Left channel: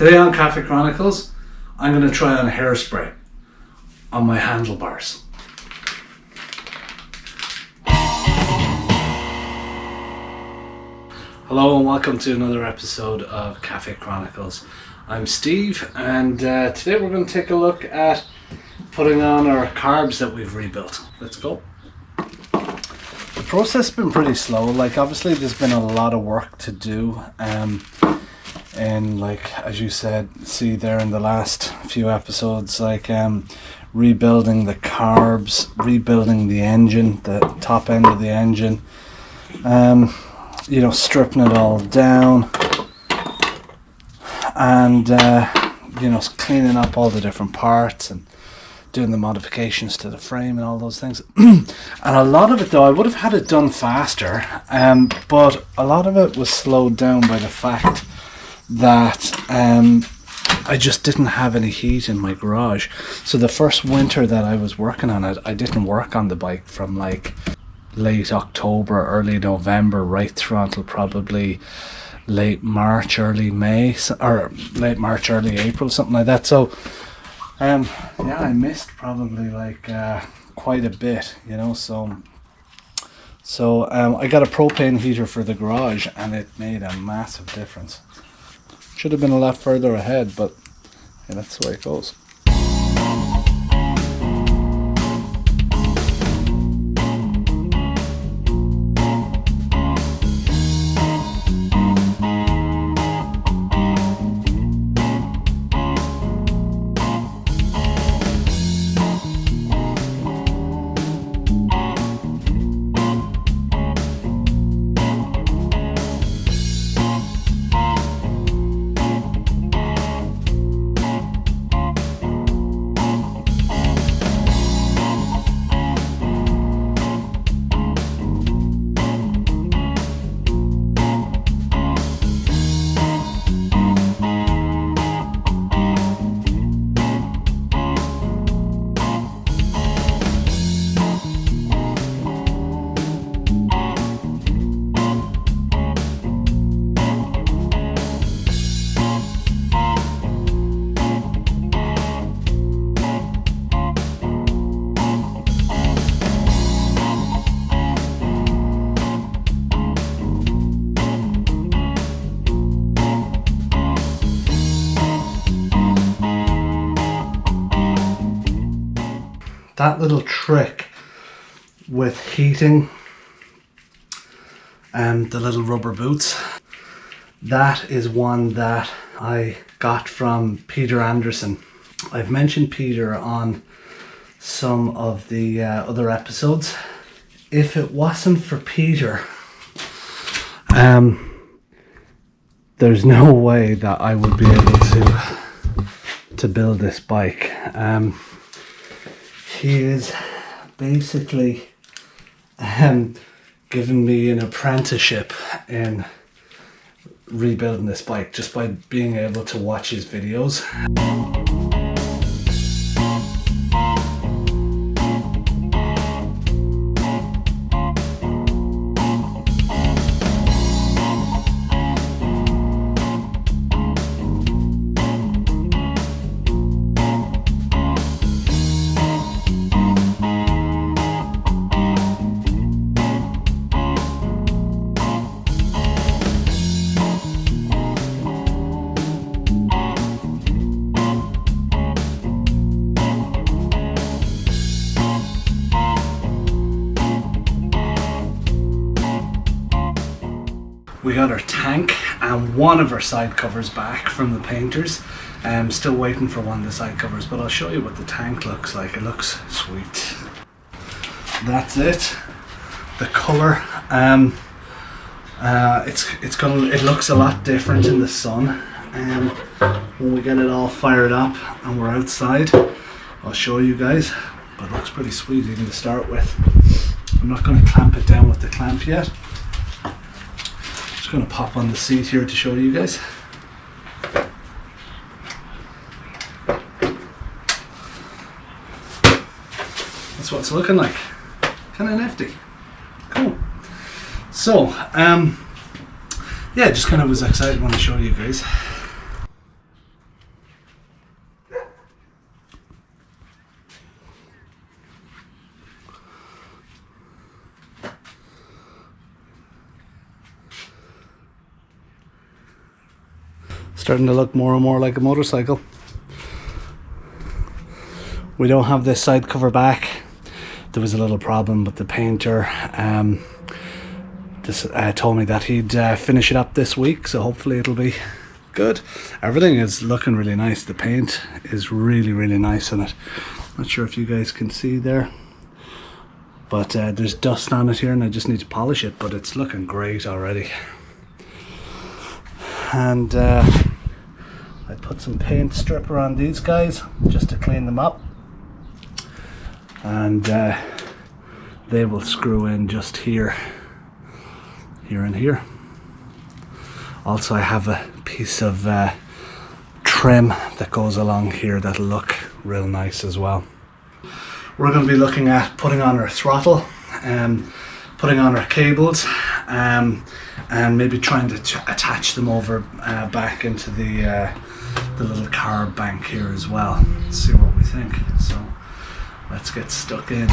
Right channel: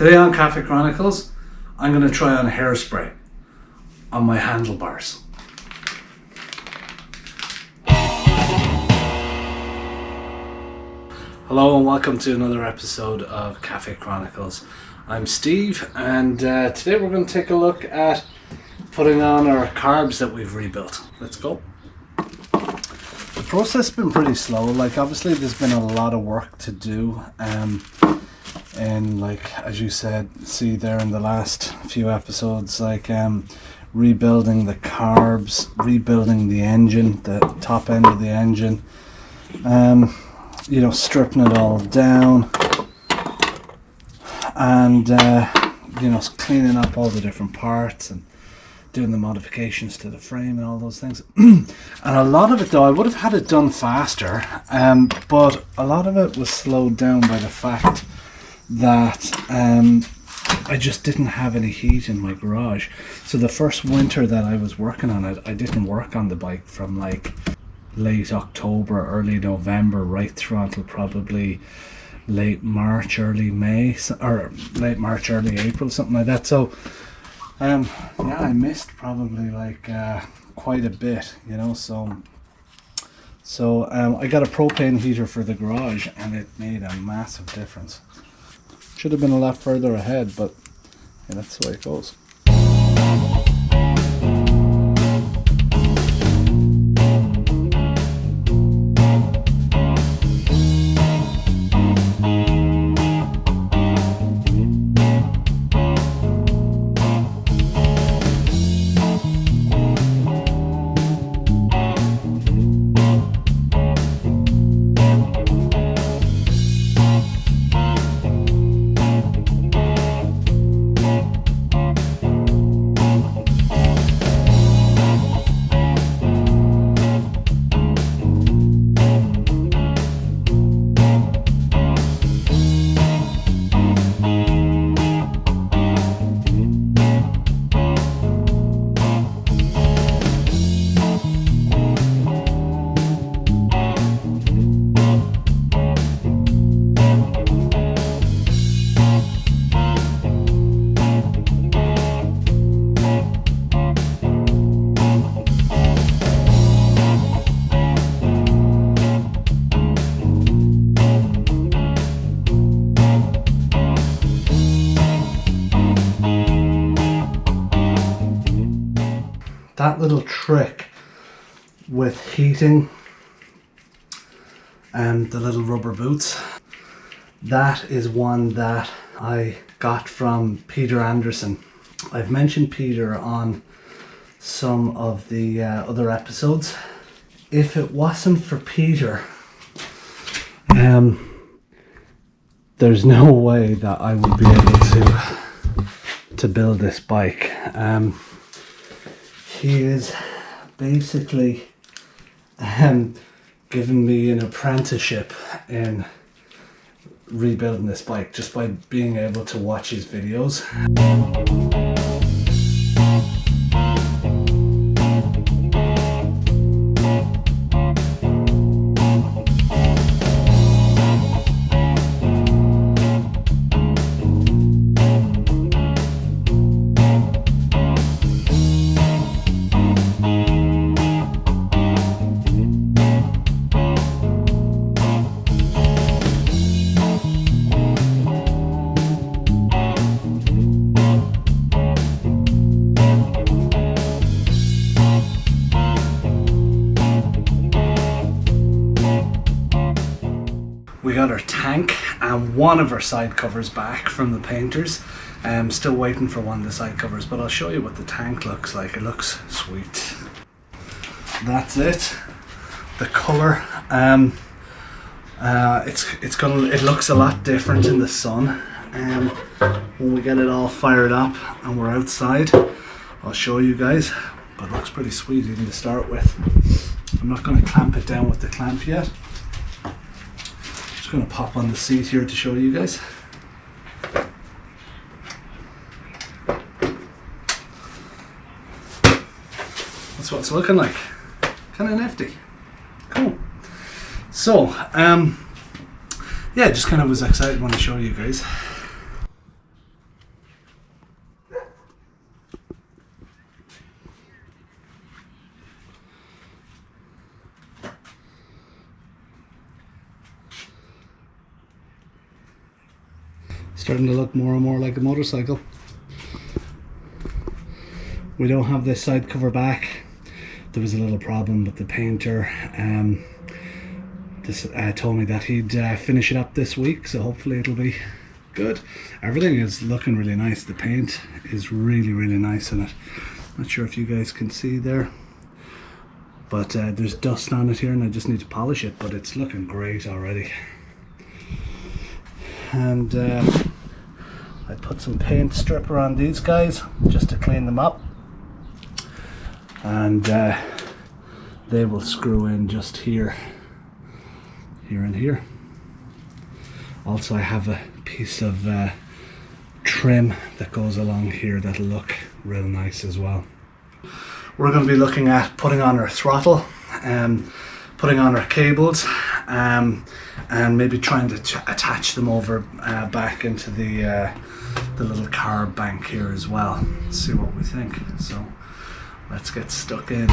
Today on Cafe Chronicles, I'm going to try on hairspray on my handlebars. Hello and welcome to another episode of Cafe Chronicles. I'm Steve, and today we're going to take a look at putting on our carbs that we've rebuilt. Let's go. The process has been pretty slow. Like, obviously there's been a lot of work to do, and like as you said, see there in the last few episodes, like rebuilding the carbs, rebuilding the engine, the top end of the engine, you know, stripping it all down, and you know, cleaning up all the different parts and doing the modifications to the frame and all those things. And a lot of it, though, I would have had it done faster, but a lot of it was slowed down by the fact that I just didn't have any heat in my garage. So the first winter that I was working on it, I didn't work on the bike from like late October, early November, right through until probably late March, early May, or late March, early April, something like that. So yeah, I missed probably like quite a bit, you know. So I got a propane heater for the garage, and it made a massive difference. Should have been a lot further ahead, but yeah, that's the way it goes. That little trick with heating and the little rubber boots, that is one that I got from Peter Anderson. I've mentioned Peter on some of the other episodes. If it wasn't for Peter, there's no way that I would be able to build this bike. He is basically given me an apprenticeship in rebuilding this bike just by being able to watch his videos. We got our tank and one of our side covers back from the painters. I'm still waiting for one of the side covers, but I'll show you what the tank looks like. It looks sweet. That's it. The color, it looks a lot different in the sun. When we get it all fired up and we're outside, I'll show you guys. But it looks pretty sweet even to start with. I'm not going to clamp it down with the clamp yet. Going to pop on the seat here to show you guys. That's what it's looking like. Kind of nifty. Cool. So, yeah, just kind of was excited when I showed you guys. Starting to look more and more like a motorcycle. We don't have this side cover back. There was a little problem with the painter. Told me that he'd finish it up this week, so hopefully it'll be good. Everything is looking really nice. The paint is really, really nice on it. Not sure if you guys can see there, but there's dust on it here and I just need to polish it, but it's looking great already. And I put some paint stripper on these guys just to clean them up, and they will screw in just here and here. Also, I have a piece of trim that goes along here that'll look real nice as well. We're going to be looking at putting on our throttle, putting on our cables, and maybe trying to attach them over back into the little carb bank here as well. See what we think. So let's get stuck in.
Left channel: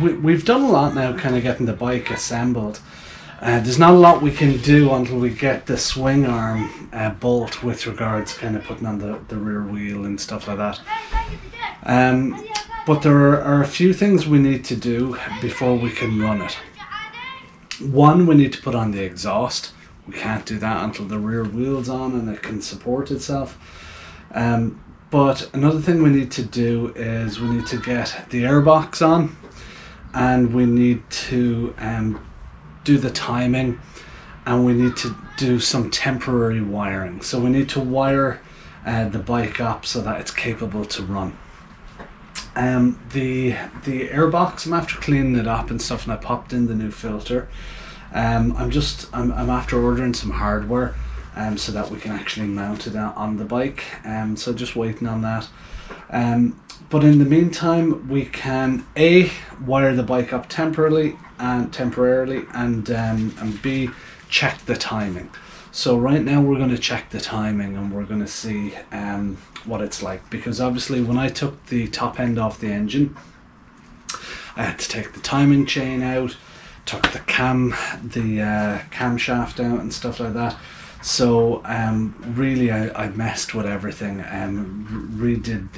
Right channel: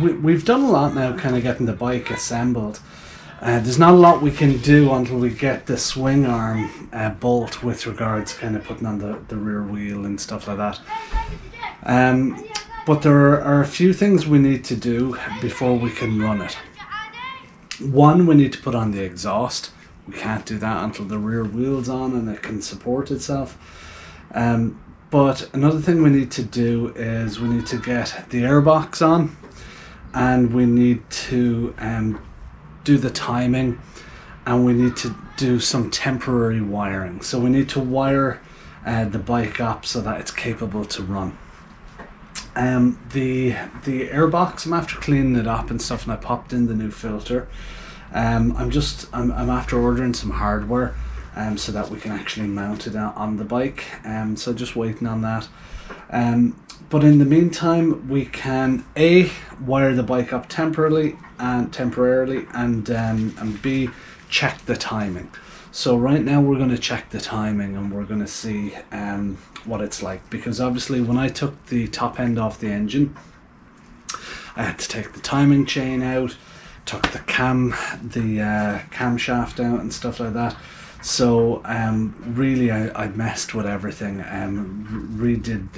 we've done a lot now, kind of getting the bike assembled. There's not a lot we can do until we get the swing arm bolt with regards kind of putting on the rear wheel and stuff like that. But there are a few things we need to do before we can run it. One, we need to put on the exhaust. We can't do that until the rear wheel's on and it can support itself. But another thing we need to do is we need to get the airbox on, and we need to do the timing, and we need to do some temporary wiring. So we need to wire the bike up so that it's capable to run. The airbox, I'm after cleaning it up and stuff, and I popped in the new filter. I'm after ordering some hardware so that we can actually mount it on the bike. So just waiting on that. But in the meantime, we can A, wire the bike up temporarily, and B, check the timing. So right now we're going to check the timing, and we're going to see what it's like, because obviously when I took the top end off the engine, I had to take the timing chain out, took the camshaft out and stuff like that. So really I messed with everything, redid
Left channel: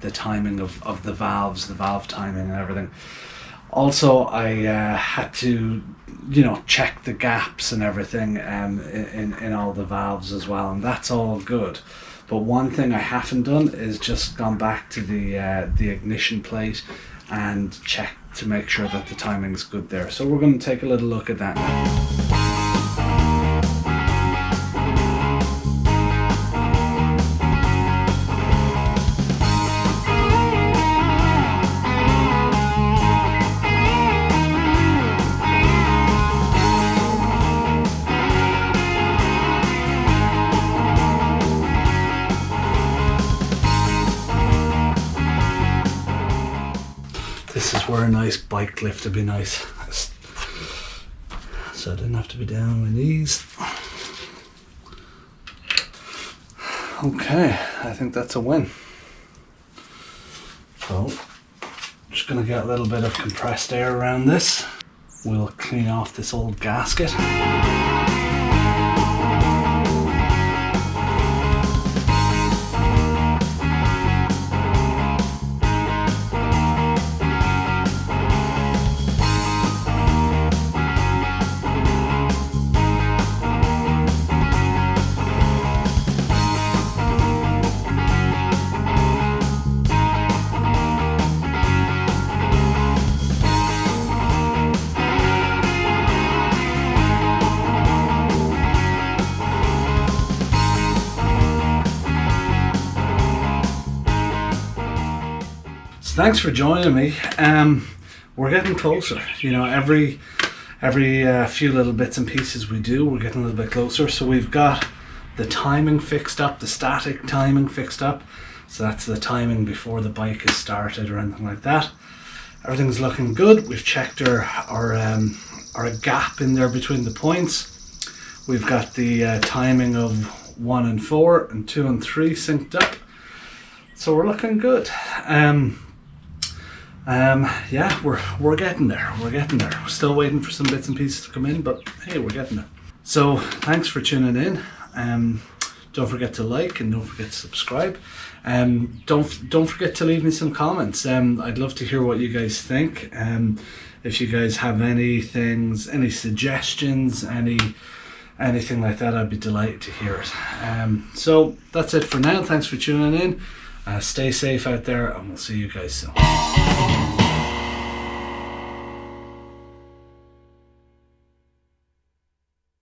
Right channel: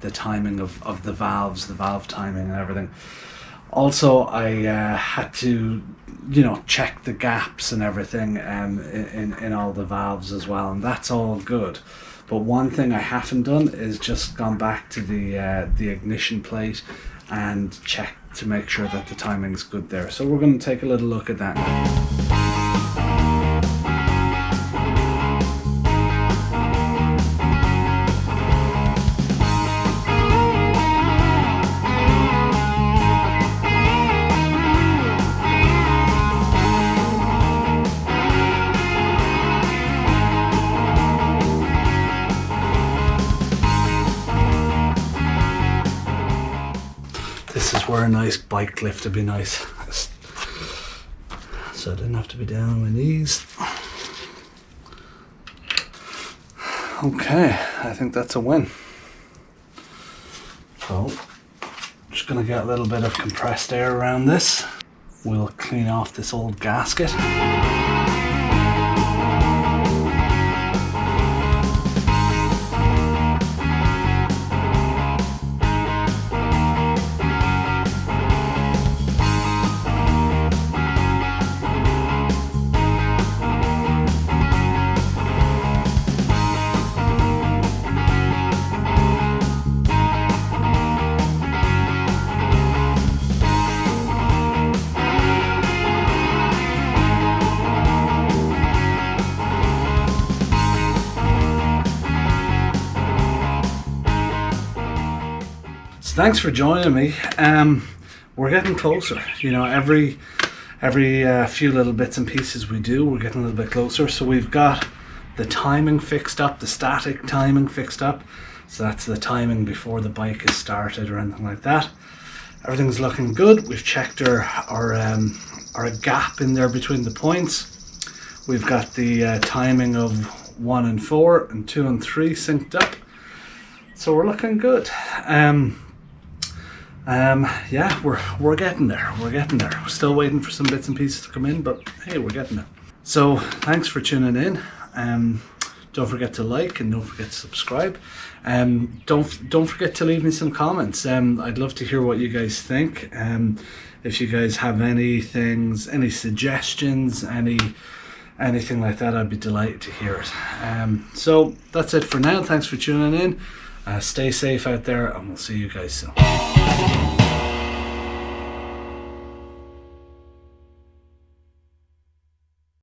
the timing of the valves, the valve timing and everything. Also I had to, you know, check the gaps and everything in all the valves as well, and that's all good. But one thing I haven't done is just gone back to the ignition plate and check to make sure that the timing's good there. So we're going to take a little look at that now. This is where a nice bike lift would be nice, so I didn't have to be down on my knees. Okay, I think that's a win. So, just going to get a little bit of compressed air around this. We'll clean off this old gasket. Thanks for joining me. We're getting closer. You know, every few little bits and pieces we do, we're getting a little bit closer. So we've got the timing fixed up, the static timing fixed up. So that's the timing before the bike is started or anything like that. Everything's looking good. We've checked our gap in there between the points. We've got the timing of 1 and 4 and 2 and 3 synced up. So we're looking good. Yeah, we're getting there. We're still waiting for some bits and pieces to come in, but hey, we're getting there. So thanks for tuning in. Don't forget to like and don't forget to subscribe. Don't forget to leave me some comments. I'd love to hear what you guys think. If you guys have any suggestions, anything like that, I'd be delighted to hear it. So that's it for now. Thanks for tuning in. Stay safe out there, and we'll see you guys soon.